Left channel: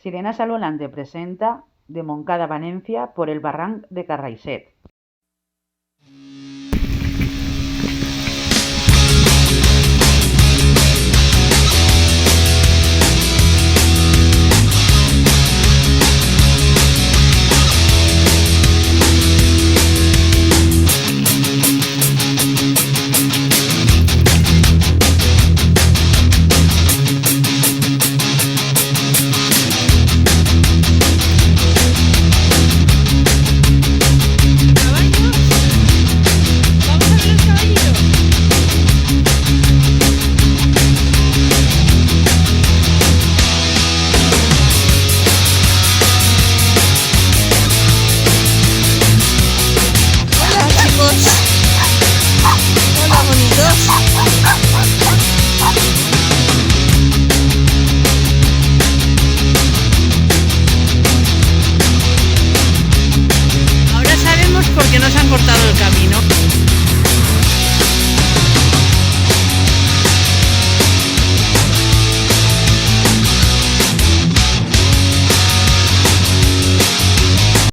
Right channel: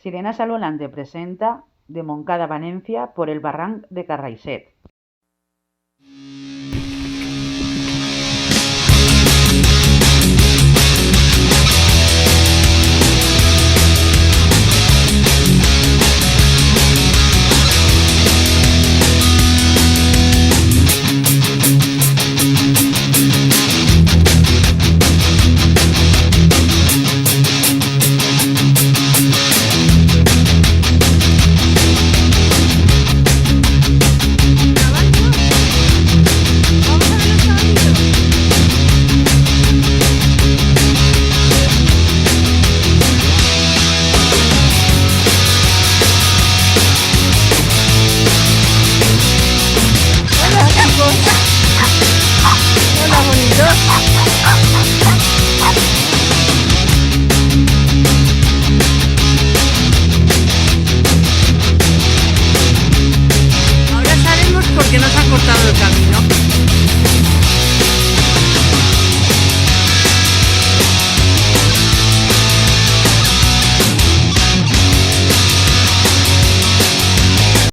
Sirenas al volante presenta de Montcada a Valencia por el barranc de Carraixet. Hola, bonitos. Ahora sabemos por qué nos han cortado el camino.